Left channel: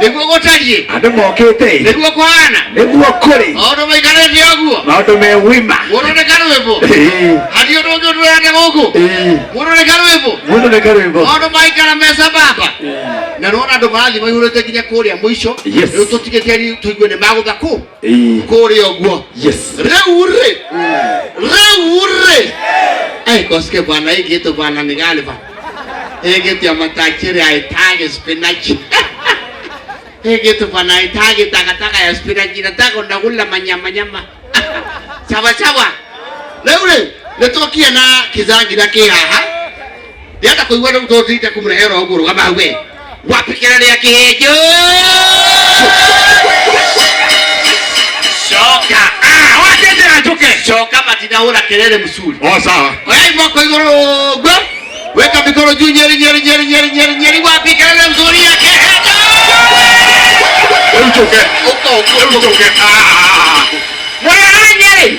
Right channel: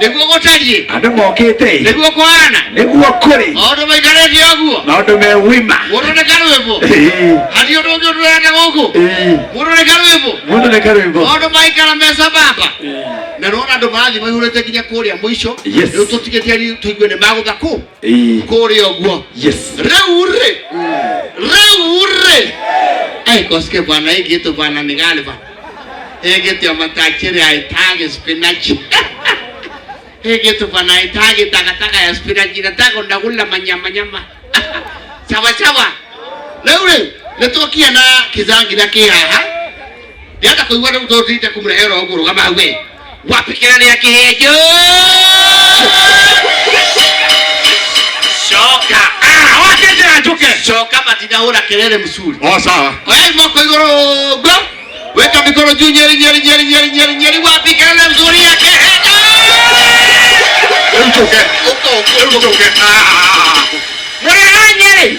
Niguo gutarie. Andu mokite. Niguo kwana. Niguo kuri. Maundu maikarite oguo. Maundu me wima. Mundu ni karwimbo. Hari undu ungi urenda guku. Mundu ni karwimbo. Mundu ni karwimbo. Maundu maikara mesa baba. Na rona andu marathi maihurite kinya kuria mwisho. Riu tutigite ari tuigue ni magutha ku. Kuria oguo. Yes. Reure. Ai koske bwana hiki tu bwana ni gani bwana. Hiki tu amatachiri aitage spinach. Hiki tu bwana aitage takataka ya spinach nataka ndakula manyama. Sawa. Reure netokia na kizangi na kihaha. Ndiata kuigwa ndo mtotite kumrehero nguru kama we. Wapikirani ya kihejo. Shoka. Wakende ajuke. Shoka matina ura kelele msuri. Sawa. Oi moko igoro go. Weka mikono juu nyeri wapi kelele mzuri ya kihejo. Uchoke. Uchoke. Mwana nyeri.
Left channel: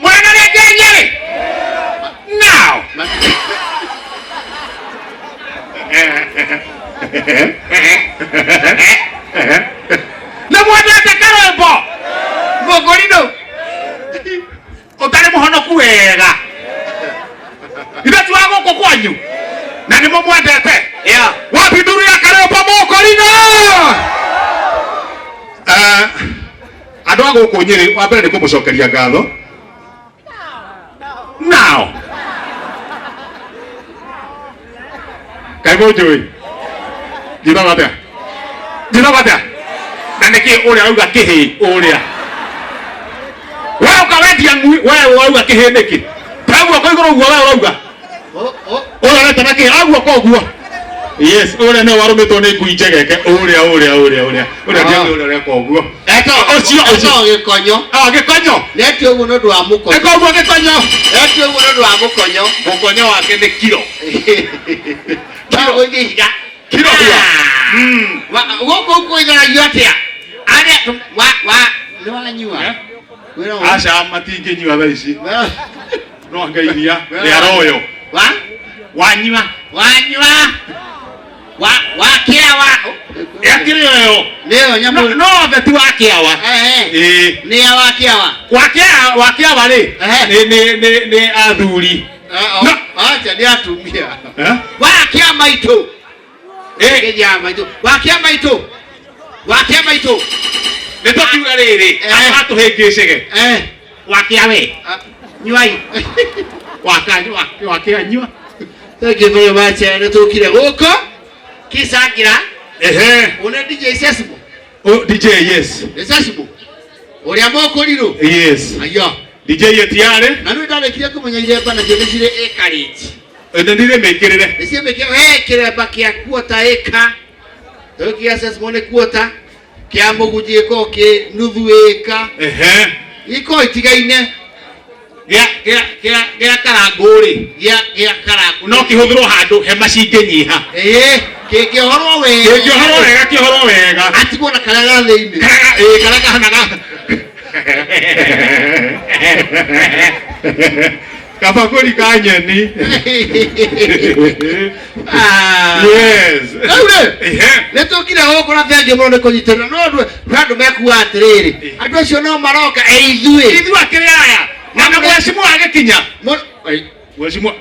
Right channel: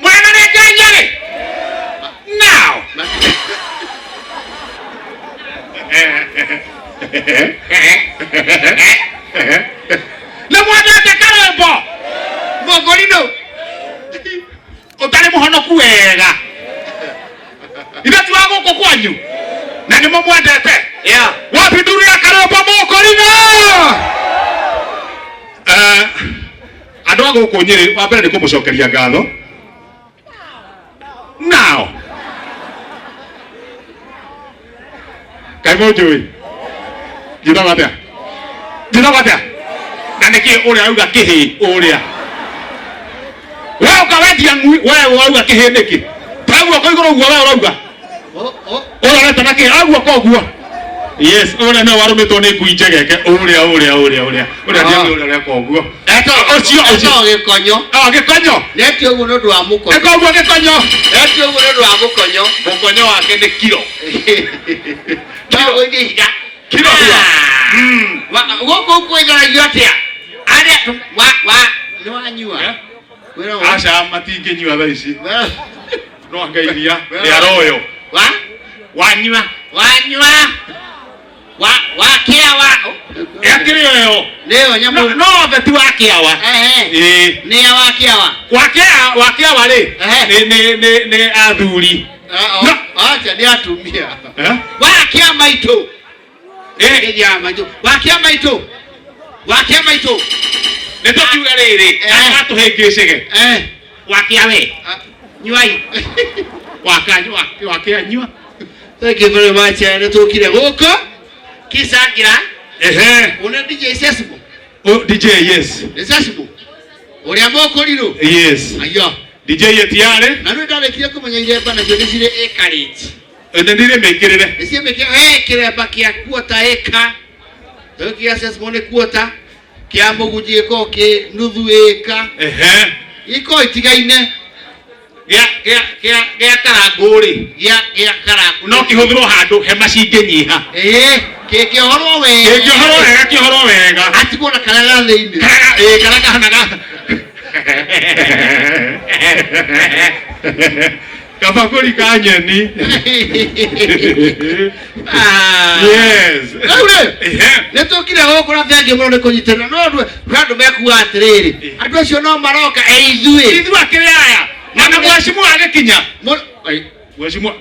Mwana nyeri. Now. Na mwana takarwembo mogorino utari muhonoku wega itatu wako kwanyu na nimo mwendete wapi nduru ya karwembo mogorino andu aguku Nyeri wa mbere ni kumucokeria ngatho now Kaimojoi Jina batia na niki uria auga kihi uria wewe ukawendia ngui wewe auga kihi niki taguo ko iguru guo wewe urauga ora reta naki aguo ko guo yes uria ne warumitwo ni ngui njegeke uria uria ko guo eto ocio gikonyo neti uguo ndu wa mukonyo eko guo gikonyo neti uguo ndu wa mukonyo wake ni kilo Tago higa kilo hiya Woko igara yote ari ni wanyua Asha matinge nyua tha ici no ngairia ya royo wanyua kiawa yakirioyo leo nyamu no beti wa kiawa ni ya wa kiawa ri ni athuri acha ni atumia wa kiama ito wakiama ito netokiuga riri atuhingicige wakiawe nyuai wakianyua thank you very much netokire guko kisangira une DJ Sesimo DJ yes Sesimo uria moko riro yes ayo DJ yetiare na ndu ndalekire kumunyeje bana jodesire ekarit ndire mekirire nisi mekire kire bakia kuota eka tokia Sesimo ne kuota kia mugujie ko ke nuthu eka iko itigaine gya karanguri gya karangu no kihuthiro handu he macinginyiha kihoro wega atigwo na karaga thiini karaga hanaga kabakuri ka nyeni yes netokire gukura thengi muno ni kunyitana no andu mekuwa atiriri andu acio no maroka ithui akiri aya na mheshimiwa agikinya mheshimiwa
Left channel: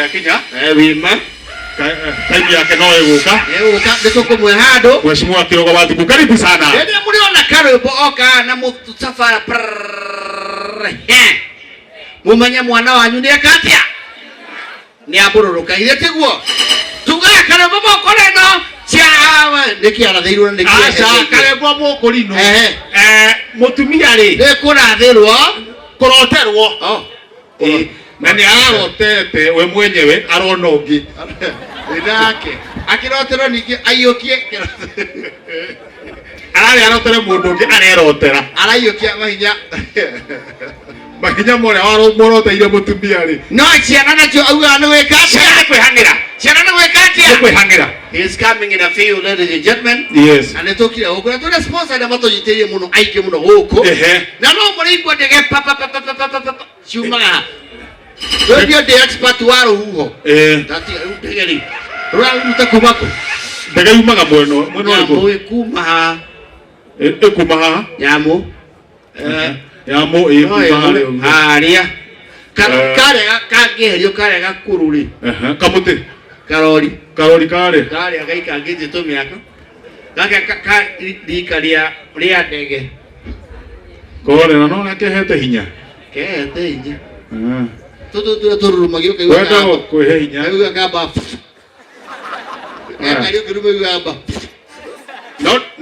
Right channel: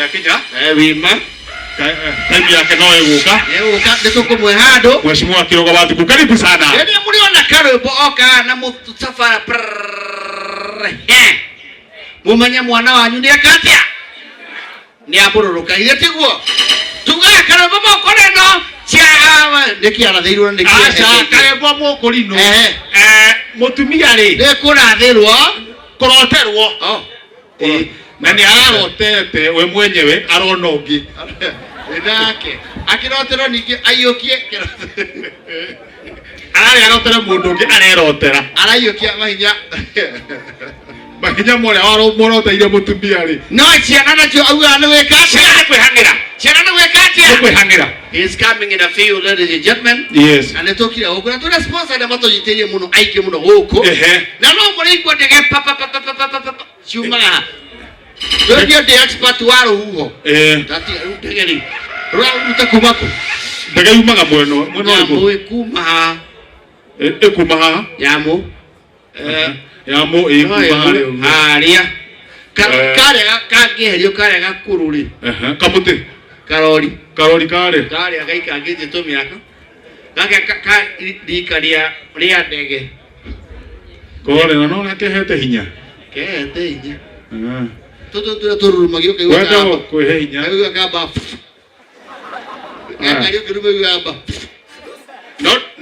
yakinya wima time yake no eguka nitukumwe handu mheshimiwa Kirogo Wathiku karibu sana ndio mliona karwimbo oka na musafara mumenya mwana wanyu ni akatia ni abururuka ile tiguo tugaya karwimbo mokoreno chawa nikiarathirwo karwimbo mokorino mutumia ri nikurathirwo kuroterwo na ni ararotete we mwenyewe arona ungi ndake akirotero ningi aiyukie arotera mundu ungi arerotera araiyukia mahinya moria moroteire mutumia ri no ciana nacio auga ni weka kwihangira kwihangira he is coming in a few, ladies and gentlemen. Yes. And netokira ukura tuna sponsor na mato yiterie muno aike muno huko na no muri kwa ndege papa chuma wewe the expert waro huo tati utegeri Ruta kumako. Ndege yumaga mweno Nyamũ ĩkuma haha. Ĩkuma haha? Nyamũ. Nyamũ ĩkuma harĩa. Karĩa kangĩherio karĩa gakũrũ rĩ. Kamũtĩ. Karori. Karori karĩa. Karĩa gaikangĩte tũmĩaka. Gaka rika rĩa ndege. Kore no gakehete hinya. Kehete hinya. Tũtũ tũrurumagio kaigua. Wenda kwĩhe hinya. Kaigua kamba. Kaigua kĩruma kamba.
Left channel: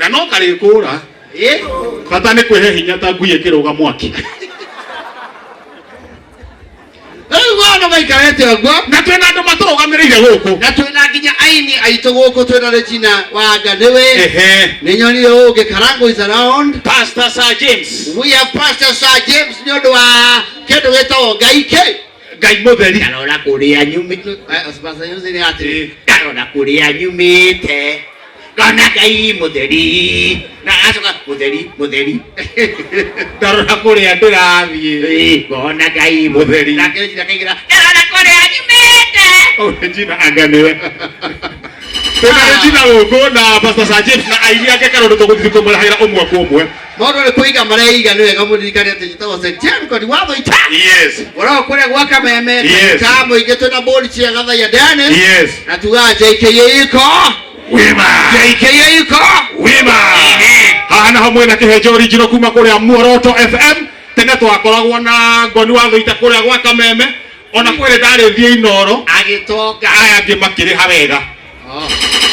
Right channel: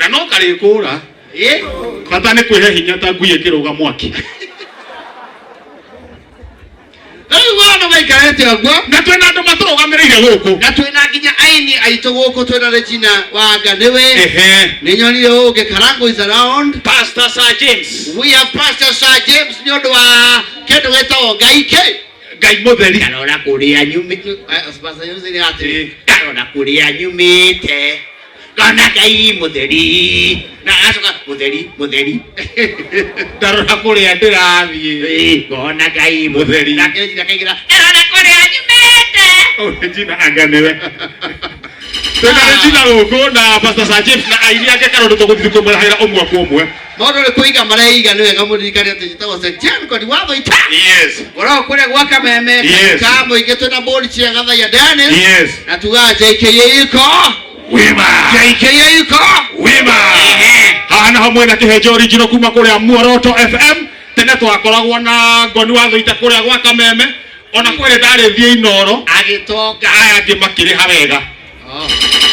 No karĩ kũra. Bata nĩ kwĩhe hinya ta ngui ĩkĩrũga mwaki. Wana maikarete agwa. Na twĩna andũ matũrũgamĩrĩire gũkũ. Na twĩna nginya aini aitũ gũkũ twĩna Regina Wanga nĩwe. Nĩ nyonire ũngĩ Karango is around. Pastor Sir James. We have Pastor Sir James nĩ ũndũ wa kĩndũ gĩtagwo Ngai kĩ. Ngai mũtheri. Karora kũrĩa nyumĩte. Pastor James nĩ atĩ karora kũrĩa nyumĩte. Kana Ngai mũtheri. Na acoka mũtheri. Ndarora kũrĩa ndĩrathiĩ. Kana Ngai mũtheri. Na kĩrĩa kĩgira. Karora kũrĩa nyumĩte. Regina anga nĩwe. Twĩna Regina gũkũ na Pastor Sir James na aini ake karora tũgũthiĩ kũmũrahĩra ũmwe kwa ũmwe. Maũndũ nĩ kũiga mareiga nĩ wega mũririkane atĩ njĩtagwo St. Kodi watho ita. Yes. Ũrao kũrĩa gwa Kameme. Yes. Ka mũingĩ twĩna bodi cia Gathaia Dennis. Yes. Na tuga JKA iko. Wima. JKA iko. Wima. Hana hamwe na kĩhenjo original kuma kũrĩa Muoroto FM. Tene twakoragwo na ngoni watho ita kũrĩa gwa Kameme. Ona kwĩrĩ ndarĩthiĩ Inoro. Agĩtonga. Aya angĩ makĩrĩha wega.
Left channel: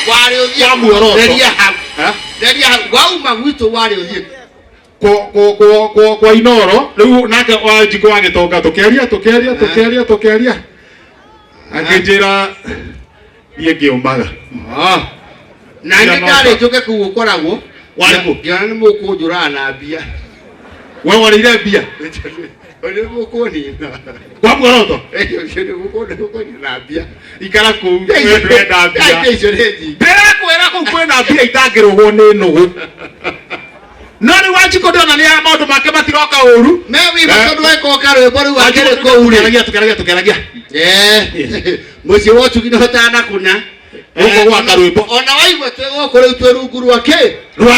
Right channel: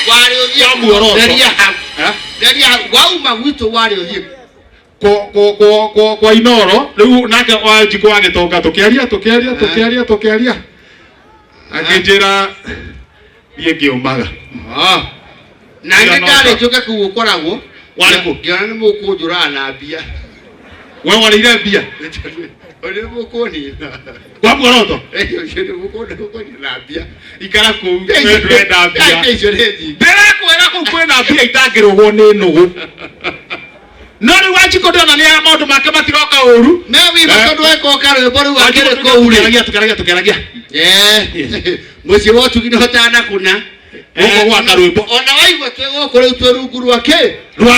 Warĩ ũthiĩ Kwa Muoroto. Theria hau. Theria hau. Wauma gwitũ warĩ ũthiĩ. Kwa Inoro rĩu nake Wanjikũ wagĩtonga tũkĩaria akĩnjĩra niĩ ngĩũmaga. Na nĩ ndarĩtũke kũu ũkoragwo. Warĩkũ? Ngĩona nĩ mũkũnjũraga na mbia. We warĩire mbia? Nĩ mũkũnina. Kwa Muoroto? Nĩ mũkũnina na mbia. Ikara kũu ndĩrenda mbia. Icio nĩ nyingĩ. Ndĩrakwĩra kũu kwĩna mbia itangĩrũgwo nĩ nũgũ. No rĩu Wanjikũ ndĩona nĩ maũndũ make matiroka ũru. No wĩba tondũ weka rwĩmbo rũu akĩrĩ kũu rĩ. Tukeragia. Mũciĩ wa ũtugi nĩ ũtanakuna. Gũkũ gwaka rwĩmbo. Ona waigua twĩgũkũ rĩu twĩ rungu rwa kĩ? Rwa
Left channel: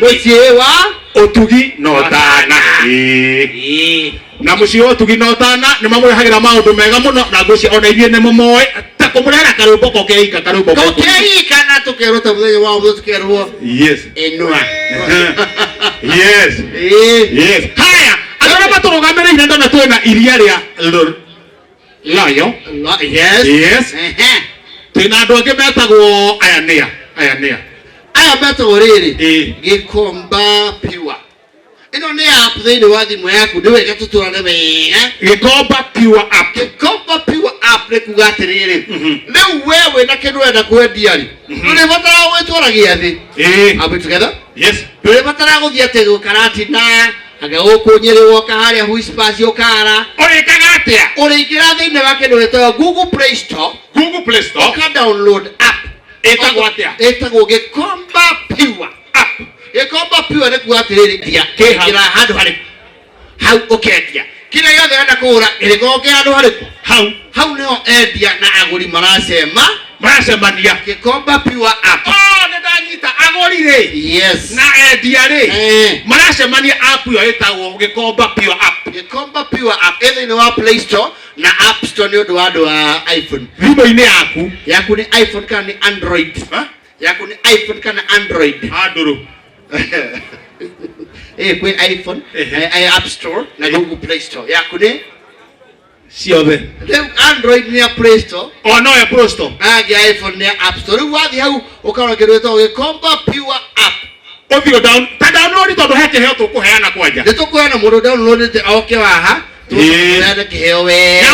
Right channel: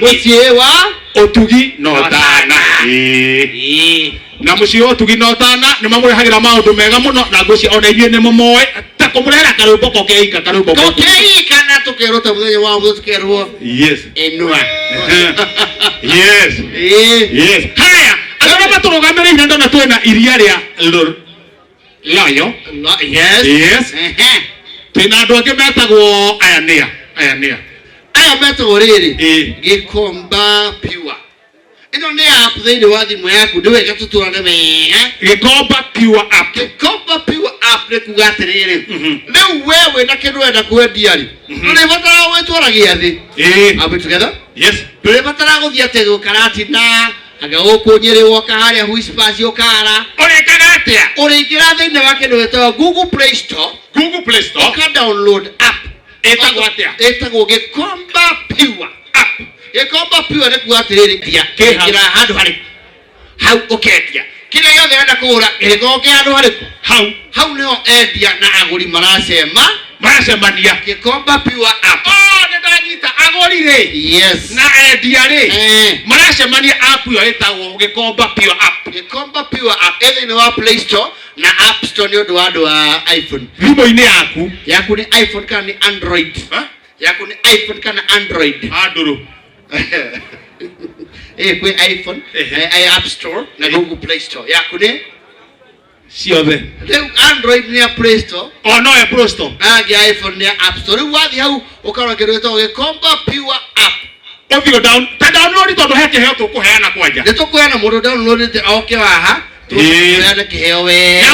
mũciĩ wa ũtugi na ũtana. Na mũciĩ wa ũtugi na ũtana nĩ mamũrehagĩra maũndũ mega mũno na ngwĩciria ona inyuĩ nĩ mũmoĩ ta kũmũrehera karwĩmbo kokeika karwĩmbo. Kokeika na tũkerwo ta mũthenya wa mũthenya tũkerwo. Yes. Inua. Yes. Yes. Haya, andũ matũrũgamĩrĩire ndona twĩna iria rĩa Loyo. Yes. Yes. Twĩna andũ angĩ metagwo Ayanea. Aya metagwo rĩrĩ. Gĩkomba Pure. Ĩno nĩ app thĩinĩ wa thimũ yaku nĩ wega tũtũrane wega. Gĩkomba Pure app. Gĩkomba Pure app nĩ kuga atĩrĩrĩ. Rĩu wewe na kĩndũ wenda kwendia rĩ. Ndũrĩbatara gwĩtwara gĩathĩ. Are we together? Yes. Ndũrĩbatara gũthiĩ atĩ gũkaratina. Anga gũkũ Nyĩrĩ woka harĩa Whispers ũkara. Ũrĩkaga atĩa? Ũrĩingĩra thĩinĩ wa kĩndũ gĩtagwo Google Play Store. Ũka download app. Ĩtagwo atĩa? Ĩtagwo Gĩkomba Pure app. Gĩkomba Pure nĩ kuga atĩrĩrĩ kĩingĩra handũ harĩkũ. Hau ũkendia. Kĩrĩa gĩothe wenda kũgũra gĩkoragwo kĩ handũ harĩkũ. Hau nĩho endia na agũri maracemania. Gĩkomba Pure app. Nĩndanyita agũri rĩ. Yes. Na endia rĩ. Maracemania app ĩyo ĩtagwo Gĩkomba Pure app. Gĩkomba Pure app thĩinĩ wa Play Store na App Store nĩ ũndũ wa andũ wa iPhone. Thimũ-inĩ yaku nĩ iPhone kana nĩ Android. Yaku nĩ iPhone kana Android. Andũrũ. Kwĩ iPhone, App Store na Google Play Store. Yaku nĩ ciothe. Rĩu Android nĩ ya Play Store. No ya Play Store. Angĩ iPhone nĩ ya App Store. Rĩu wathiĩ hau ũkarora kĩndũ gĩtagwo Gĩkomba Pure app. Ũthiĩ download tondũ he kĩheo tũkũheana kwanja. Nĩ tũkũheana mũndũ downloadĩte oke haha. Tũkũheana kĩheo wega.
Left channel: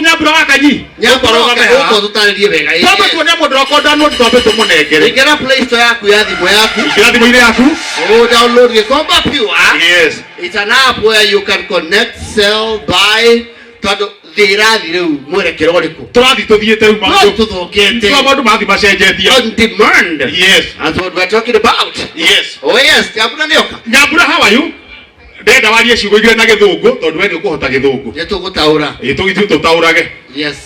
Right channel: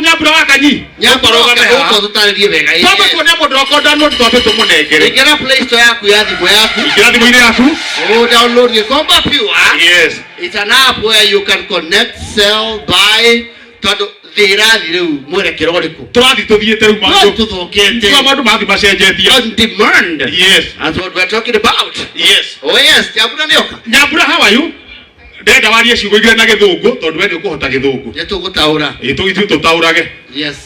Nyambura wa Kanyi. Ũko tũtarĩrie wega. Twambe tuone mũndũ wako download twambe tũmũnengere. Ingĩra Play Store yaku ya thimũ yaku. Ingĩra thimũ-inĩ yaku. Download Gĩkomba Pure. Yes. It's an app where you can connect, sell, buy. Tondũ thĩrathi rĩu mwerekero ũrĩkũ. Tũrathiĩ tũthiĩte rĩu maũndũ. Tũthũkĩte. Maũndũ mathiĩ macenjetie. On demand. Yes. That's what we're talking about. Yes. Oh yes, Nyambura nĩoka. Nyambura, how are you? Ndenda warie ciugo igĩrĩ na Gĩthũngũ tondũ we nĩ ũkũhota Gĩthũngũ. Nĩ tũgũtaũra. Tũgĩthiĩ tũtaũrage. Yes.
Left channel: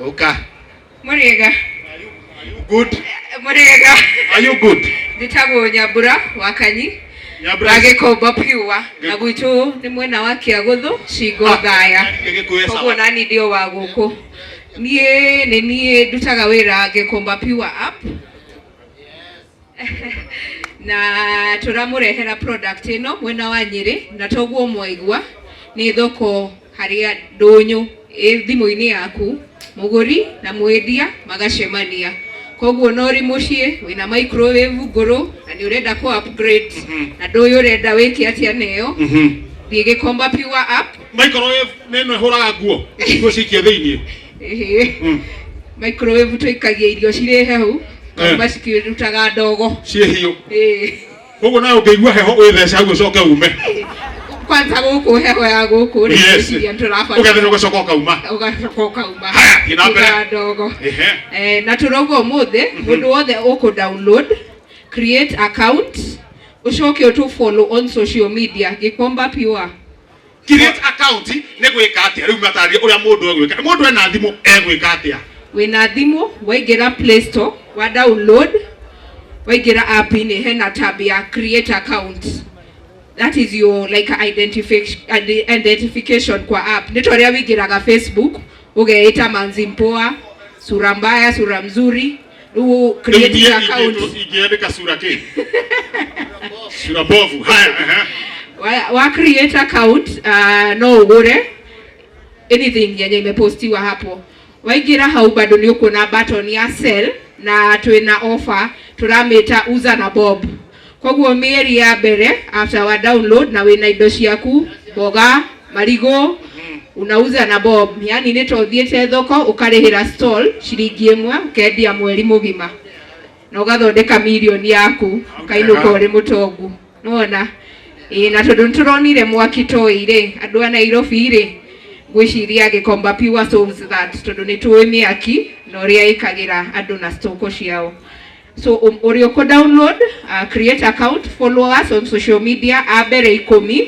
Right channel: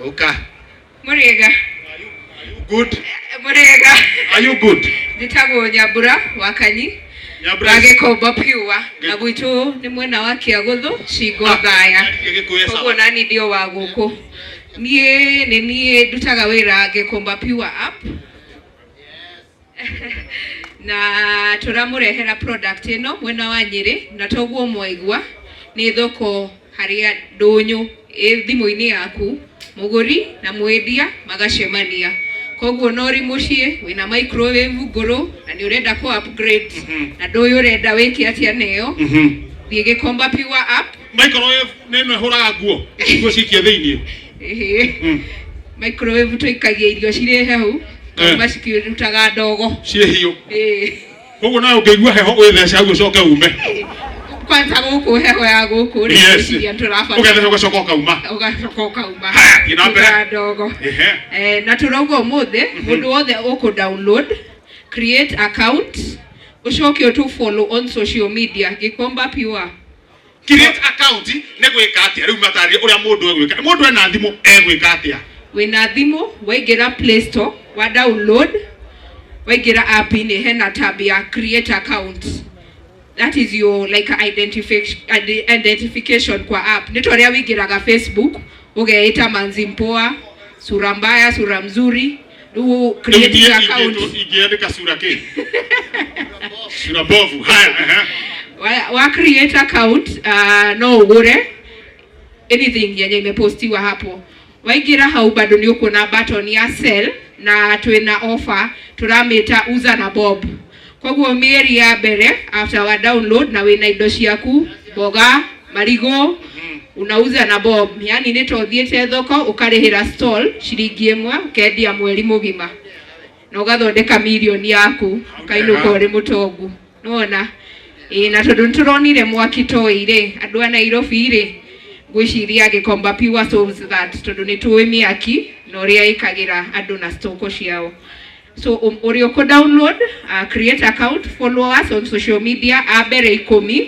Ũka. Mũrĩega. Good. Murega. Are you good? Nditagwo Nyambura Wakanyi. Nyambura. Agekomba piwa. Na gwitu ni mwena wa Kiaguthu Shingo Thaya. Koguo nani ndio wa guku. Nie ndutaga wira Agekomba piwa app. Na turamurehera product ino mwena wa Nyeri na toguo mwaigua ni thoko haria ndunyu thimu-ini yaku muguri na mwendia magacemania. Koguo nori mucie wina microwave nguru na ni urenda ku upgrade na nduyu urenda wiki atia neyo thie Gikomba Pure app. Microwave neno huraga nguo cikie thiini microwave tuikagia irio cire hehu kamba cikirutaga ndogo cie hiu koguo nayo ngeigua heho withece hau ucoke ume kwanza guku heho ya guku ni ciria turafanya ugathe ugacoka ukauma haya ina mbere ndogo na turogo umuthe mundu wothe uku download create account ucoke utu follow on social media Gikomba Pure. Create account ne gwika atia riu mataria uria mundu egwika mundu ena thimu egwika atia wina thimu waigira Play Store wa download waigira app ni hena tab ya create account. That is your like identification kwa app. Nitoria wigiraga Facebook ugeita Manzi Mpoa, sura mbaya, sura mzuri, u create account. Igiandika sura ke. Sura bovu. Haya wa create account no ugure anything yenye imepostiwa hapo. Waigira hau bado ni uko na button ya sell na twina offer turameta uza na bob. Koguo mieri ya mbere after wa download na wina indo ciaku boga marigo unauza na bob, yani ni tothiete thoko ukarihira stall ciringi 1 ukendia mweri mugima na ugathondeka milioni yaku ukainuka uri mutongu nona na tondu turonire mwaki toire andu a Nairobi ri gwiciria Gikomba Pure solves that tondu ni tuwe miaki na uria ikagira andu na stoko ciao. So urio ko download create account, follow us on social media abere 10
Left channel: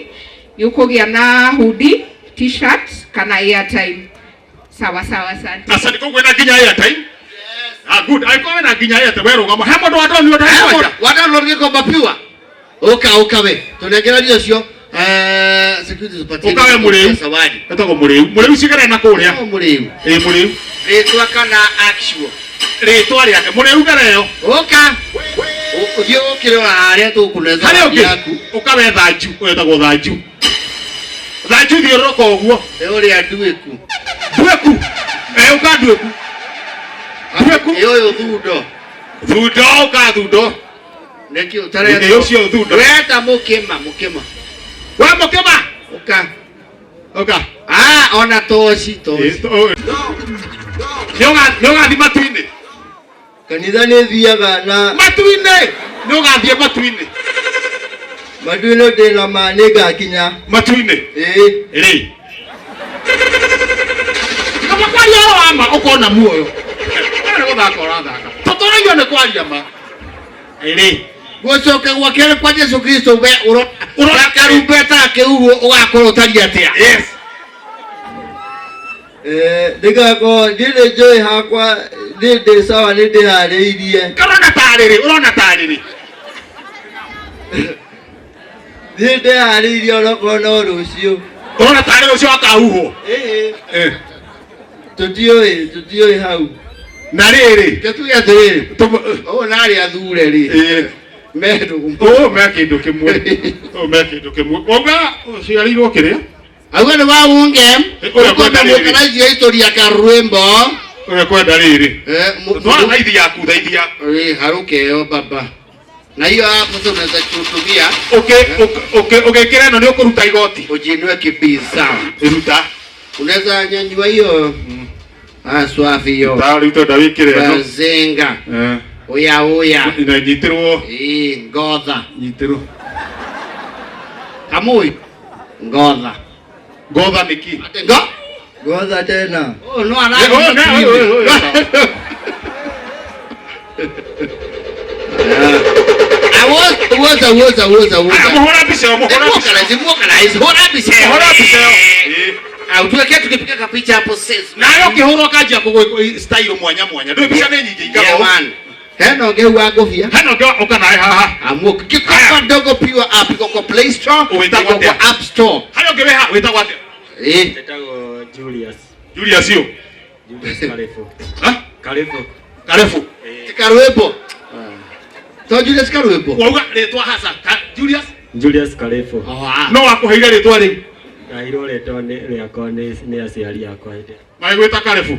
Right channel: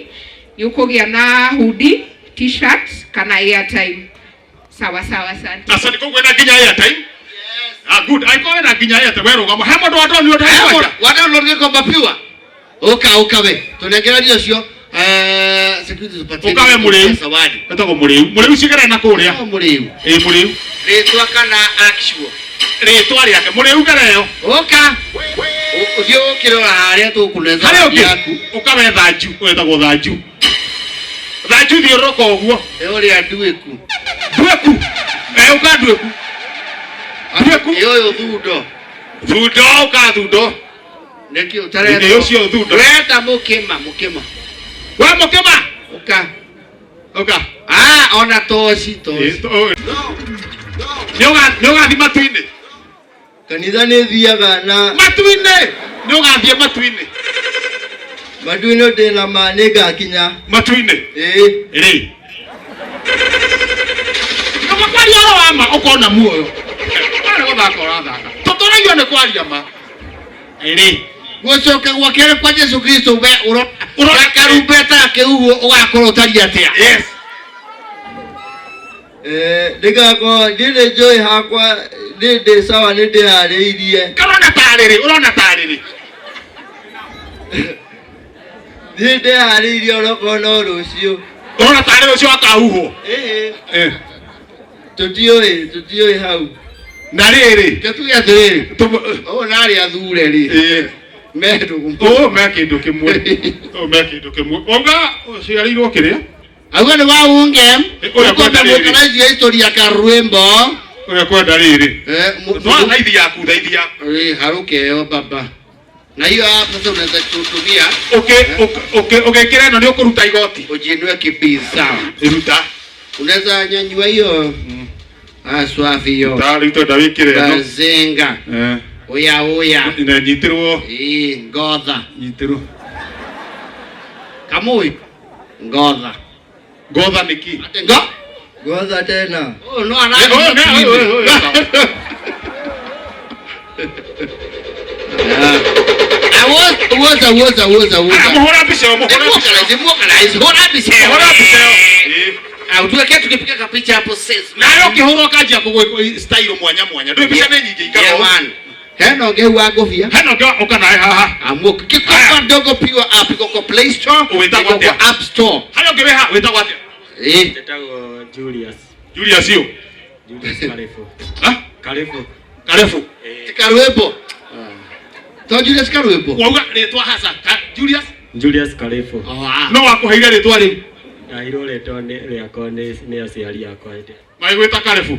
yukogia na hoodie, t-shirt kana airtime. Sawa sana. Asante kwa kwenda ginya airtime. Yes. Good. I go na ginya airtime wero ngamo. Hemo ndo watu ni watu. Download Gikomba Pure. Okawe. Tunegera dio cio security tupatie. Okawe muriu. Sawadi. Etako muriu. Muriu cigara na kuria. Muriu. Muriu. Ritwa kana actual. Ritwa riake muriu gareo. Oka. Uthio ukirora haria tukunetha yaku. Okawe thaju. Etako thaju. Thaju thioroko uguo. Uri anduiku. Dueku. Ukandueku. Dueku. Yo thundo. Thundo uka thundo. Neki utare. Ndio cio thundo. Weta mukima. Wa mukima. Oka. Ona toci. Nyoga thi matu-ini. Kanitha ni thiaga na matu-ini. Nyoga thie matu-ini. Matu-ini ndina mani ngakinya. Matu-ini. Ri. Kama kwa yoro ama ukona muoyo. Wale gothaka urathaka. Totorayo ne kwaria ma. Ri. Gucoke gwakere kwa Yesu Kristo be urakarumbeta kiugo ugakorwo tari atia. Yes. Ndigako ndire joy hakwa ndinde sawa ndinde hariirie. Urona tariri. Ndinde hariirie oroko no rucio. Urona tariri ucio akahuho. Tutioi hau. Na riri. Tutuya thiri. Nari athure ri. Medu. Mekindu kimwe. Mekindu kimwe. Onga ciarirwo kiria? Agora ni wa ungem. Ukwenda mukaraji historia ka rwembo. Kwenda riri. Twa thaithi yaku. Haruke baba. Na hiyo hapo sasa unaweza kutumia. Okay, kile ndio kuruta igoti. Ujinwe kipisa. Ruta. Unaweza nyanyua hiyo. Swafi hiyo. Tari to David kile no. Bazenga. Oya. Ina nyitirwo. Ngodha. Nyitiro. Kamui. Ngodha. Ngodha niki. Ngodha tena. No ana. Awoza. Muhora bisho. Hora bisho. Tuweke tukipiga kapicha hapo sasa. Nayo kihoro kaja kwa style mwanya. Ndio bisha nini ndio. Heno gewa gofia. Heno gewa ukanae haha. Amuka kikopa ndogo piwa app iko kwa Play Store, iko kwa App Store. Hayo gewe ha witagwa atia? Tetagwo Julius. Julius yo. Julius Karefo. Ha? Karefo. Karwepo. To Julius Karwepo. Wauga retwa hasa. Julius Karefo. No wakuheire retwa riu. Iro retwa riakwa ni aciari akwa ende. Maigwita Karefo.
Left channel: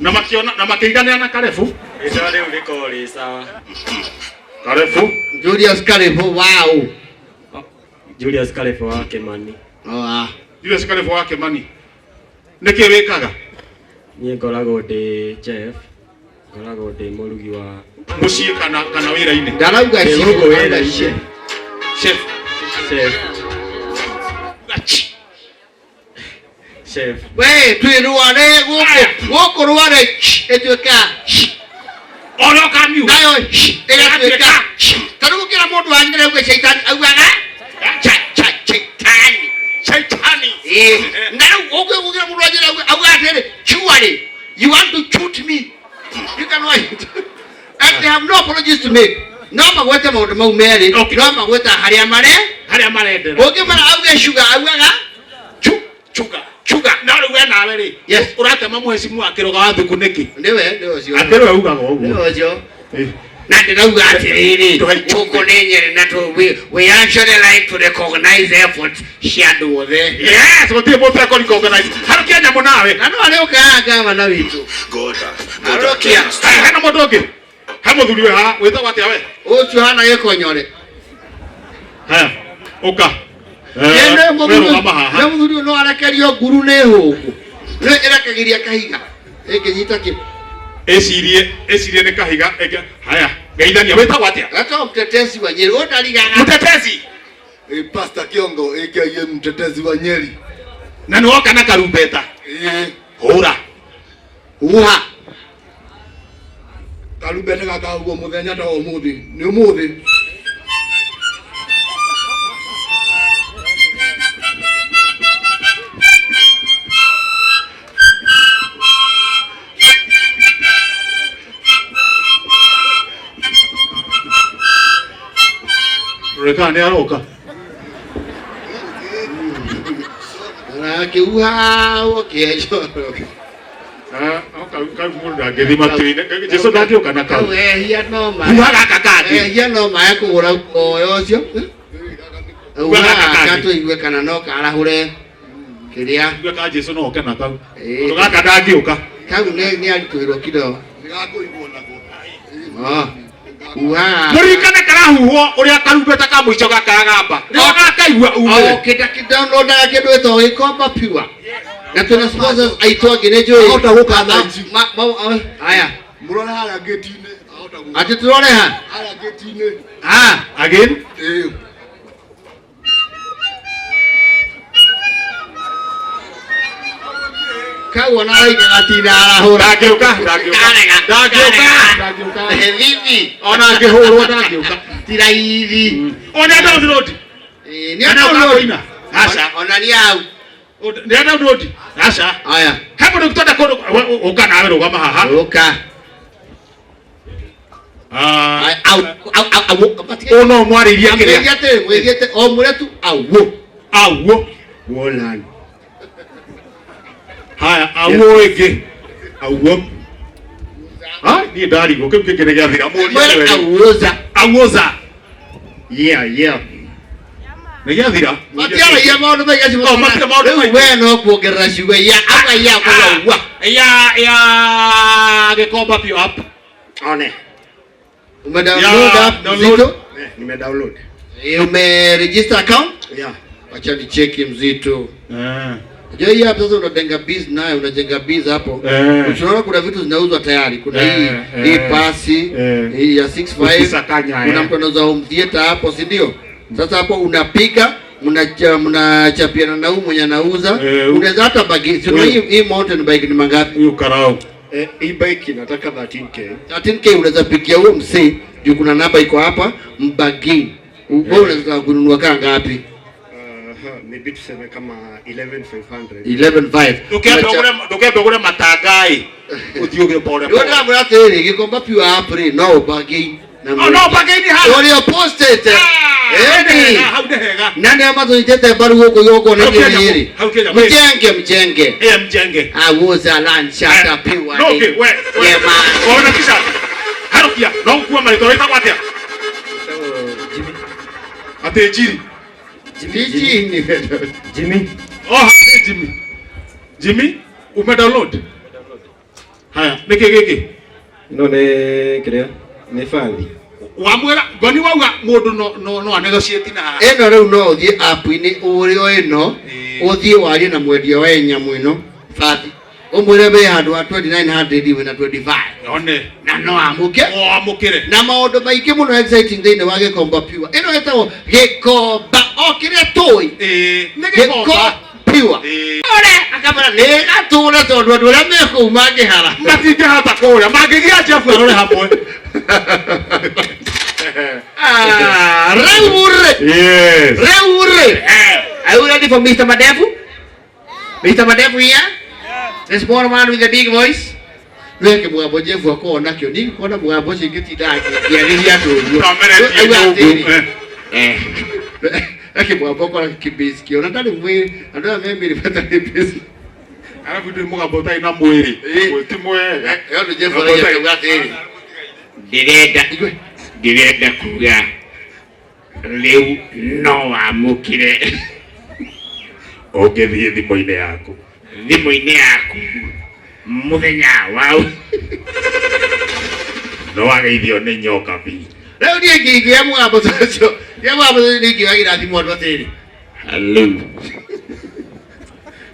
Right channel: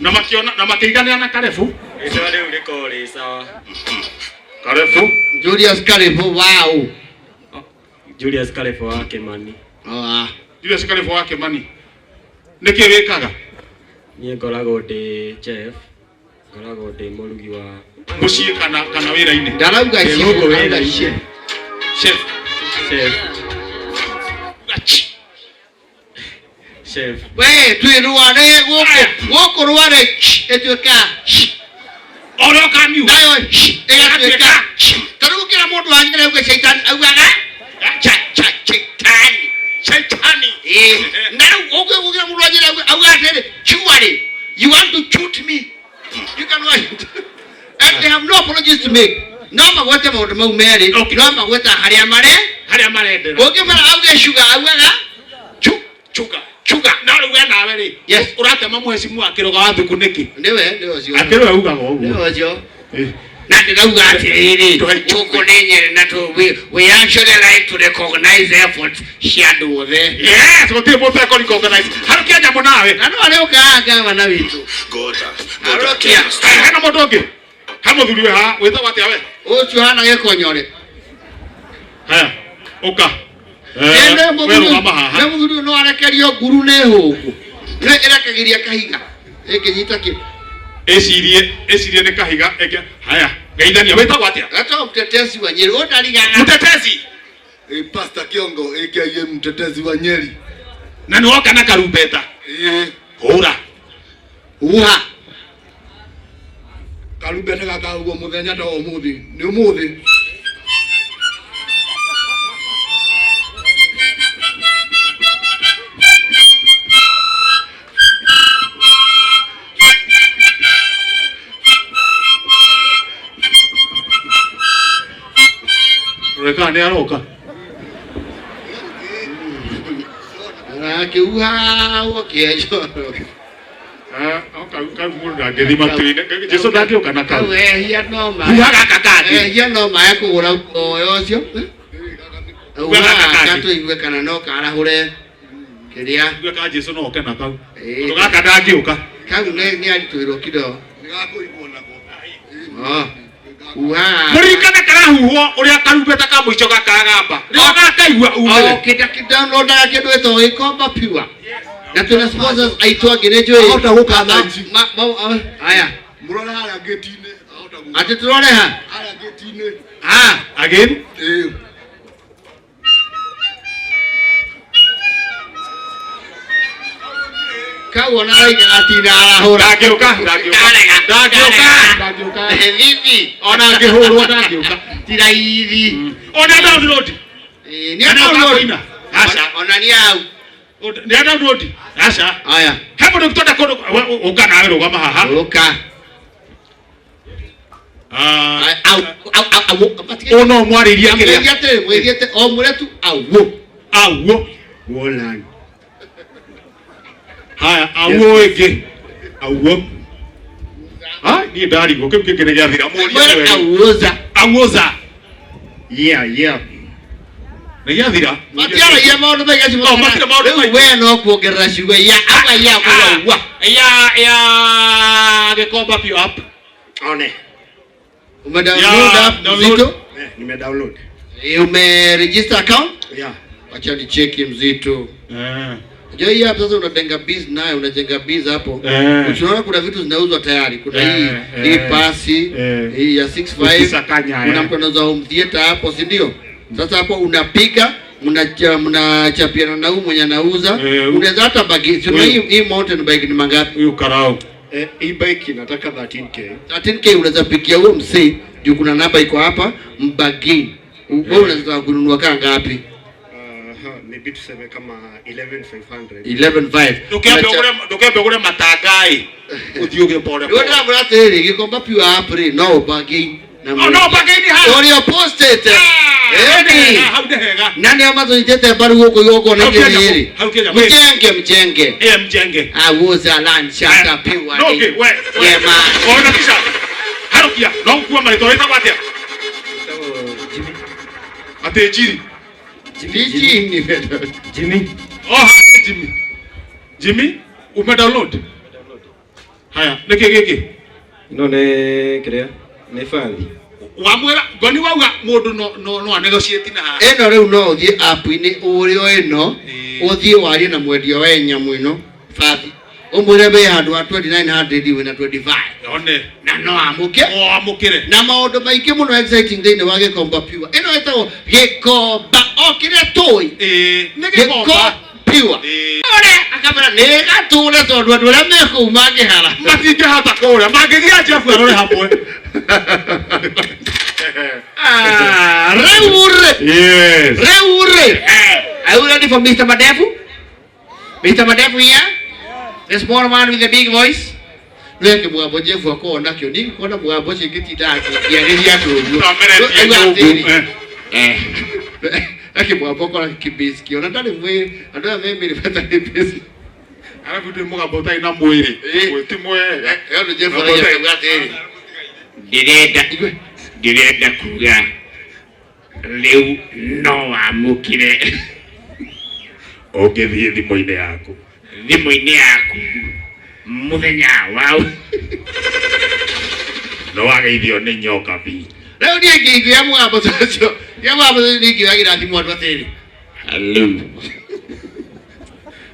Na makiona na makeiganira na Karefo. Ito riu riko ri sawa. Karefo. Julius Karefo wow. Julius Karefo wa Kimani. Julius Karefo wa Kimani. Niki wikaga? Nie ngoragwo ndi chef. Ngoragwo ndi murugi wa muciĩ kana wĩra-inĩ. Ndarauga chef. Chef. Chef. We twĩrũare gũkũ rũare ĩtuĩka Oro kamiu. nayo ĩgatuĩka tarĩu kila mũndũ wanyere uge shaitani augaga shaitani na uge mũndũ wanyere auga atĩrĩ surely you want to shoot me you can wait and they have no apologies to make. No magwete maũndũ mau merĩ no magweta harĩa marendera ũngĩmara auge sugar augaga chuga na rĩu we nawe rĩ ũratema mũhecimu wa kĩroga wa thuku nĩkĩ? Nĩwe ũcio atĩrĩ augaga ũguo nĩwe ũcio na ndĩrauga atĩrĩrĩ gũkũ nĩ Nyeri na we actually like to recognize efforts cia andũ othe. Yes, gũtirĩ mũndũ ekũrecognize harĩ kĩa nyamũ nawe na no arĩ ũkaga gavana witũ arokia hena mũndũ ũngĩ ha mũthuri we ha wĩtagwo atĩa we ũcio hana gĩkonyore haya ũka ene mũthuri no arekerio nguru nĩ hũngũ nĩ ĩrekagĩria kahiga ĩkĩnyita kĩ ecirie nĩ kahiga haya geithania wĩtagwo atĩa? Gato mtetezi wa Nyeri ũndarigaga mtetezi Pastor Kiongo aka mtetezi wa Nyeri na nĩ woka na karumbeta hũra uha karumbeta gaka ũguo mũthenya ta ũmũthĩ nĩ ũmũthĩ reka nĩ aroka akiuha ũkĩejo kau mũndũ ndangĩthi matu-inĩ Jesũ ndangĩũka na kau ehia noma ehia noma ya kũgũra muoyo ũcio gatũigue kana no karahũre kĩrĩa igue ka Jesũ no oke na kau tondũ gaka ndangĩũka kau nĩ aritũirwo kidogo gakũigwo nako mũririkane karahuhwo ũrĩa karumbeta ka mũico gakaragamba rĩo gakaigua umĩre kĩndonaga kĩndũ ĩtagwo gĩkomba piwa na tuna sponsors aitwa ngenejwe ahota gũkana ici haya mũrone harĩa gate-inĩ ahota gũkana ati turone ha harĩa gate-inĩ again kawona raiga gatina arahũra ndangĩũka hivi ona angĩhũrwo ndangĩũka tiraithi ona download nĩ download ona ni au nĩ download aca haya hapo ndio tutaenda ũka nawe rũgama haha ũka no mwarĩria kĩrĩa mwĩgĩte o mũretu auo wolan haya auo ĩngĩ auo niĩ ndarigwo kĩu kĩngĩ gĩathira auoza nĩ gĩathira matiaragia maũndũ maigaci rĩu we no kuongerera ciugo ya gĩkomba pio app one umedownload app Mzito? nimedownload umeregister account? Acha ni cheki Mzito. Unajua hii hapa sasa unajenga biz nayo, unajenga biz hapo. Unaona kuna vitu zinauzwa tayari. Kuna hii pasi, hii ya 65. Kuna mtu anauza home theater hapo, si ndio? Sasa hapo unapiga, mnachapiana na huyu mwenye anauza. Unaweza hata bagi. Sio hii mountain bike ni mangapi? Hiyo karao. Hii bike inataka 13k. 13k unaweza pikia huyo msee. Ndio kuna namba iko hapa, mbagi. Wewe unaweza kununua kama ngapi? Maybe tuseme kama 11,500. 11,500. Ndukiambe ugure matangai uthiuge pole Ndio pole. ndio atiri gikomba pure apple no bagi. No bagi ni ha. Ori posted. Hau ndehega. Nani amazo njete baru huko yoko na ngiri. Mjenge. Mjenge. Woza lunch hata piwa. No okay, we. Yema. Ona kisha. Harukia, no kuwa marito weta kwatia. Jimmy. Ate jiri. Jimmy. Oh, Jimmy. Jimmy, umedownload? Haya, niki. No ne krea. Ne fali. Wamwela, goni wauga mundu no anegotiate na. Eno riu no uthie app ini urio eno uthie warie na mwendia wa nyamu ino fati umwire be handu wa 2900 we na 25 One. na no amuke Amukire. na maundu maingi muno exciting thini wa Gikomba Pure ino etagwo Gikomba okire toi Gikomba Pure ore akamera ne gature tondu andu aria meku mangihara matinge hata kuria mangigia Jeff arore hamwe. Reure. Yes. Reure. Are you ready for Mr. Madevu? Mr. Madevu here? Yes. The small man with the big voice. Leke mwabo Jefu ako nakyo. Nini kona mwabo shingiti daki. Kianiria tuju. Leke mwabo kona kibisiki. Onatani mwe. Andoa mimi nipata kibisiki. Alafu tu mga bota ina mwiri. Timwe. Yono Jefu ala ya kwati hili. Direda kuga leu no amukire Ogethie thimo-ine yaku muthenya wau no wageithio ni nyoka bi leu ni ngingi ya mwambo tacio ya mwambo ni ngingira thimo andu atiri hello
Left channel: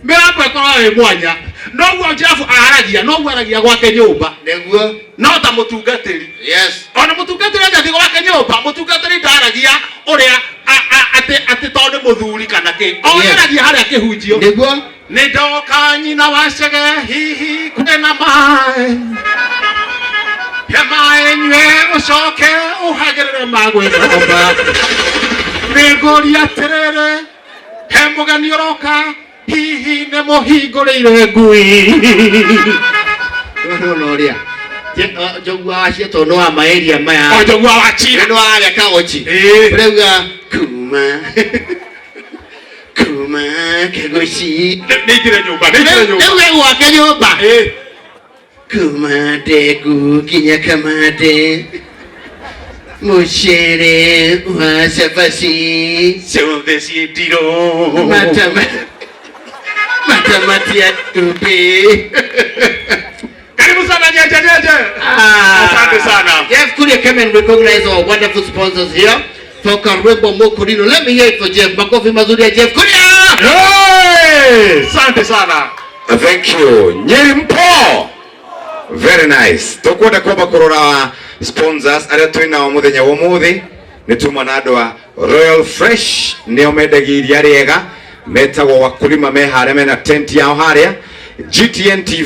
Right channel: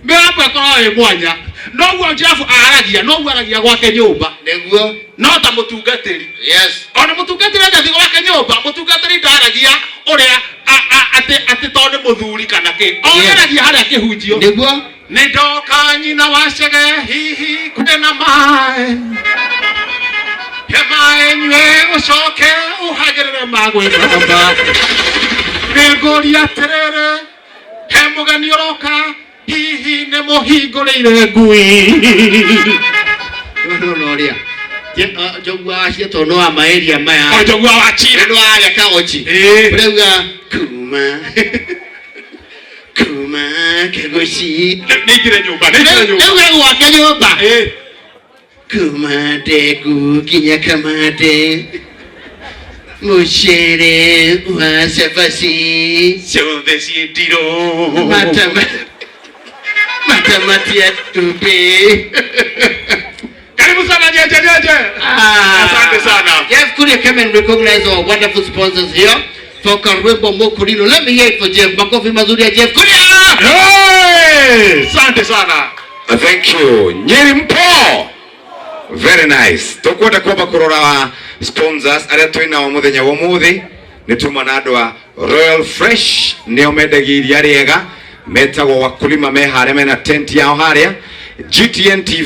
me hapa kwa mwanya no gwo Jeff aragia gwake nyumba neguo no ta mutungatiri. yes Ona mutungatiri ndathi gwake nyumba mutungatiri ndaragia uria ati tondu muthuri kana ki oneragia haria kihunjio neguo ni ndoka nyina wacege hihi kwina mai he mai nywe ucoke uhagirire magwithomba ni ngũria atiriri he mugeni uroka hihi ni muhingũrĩire ngui no ria jogwa acio to no amaeria maya o jogwa wa chira no aria kagochi reuga kuma kegoshi nĩingĩre nyũmba reu wake nyũmba kuma ndegu kinya kamande mucere wa cabaci ciothe ciĩ ndirũ matamati ya tumbĩ. Karibu sana Jeje. Asante sana. Jeff Kuria came and recognize our wonderful sponsors here for Karwembo Mokurino. Let me hear it for Jeff. Makofi mazuri ya Jeff Kuria. Hey! Asante sana. Thank you. Nyeri mpo. Very nice. Tukwenda kwamba kurora sponsors aria twina wa muthenya wa muthi ni tuma na andu a Royal Fresh nio mendagiria riega metagwo wakulima me haria mena tent yao haria GTN TV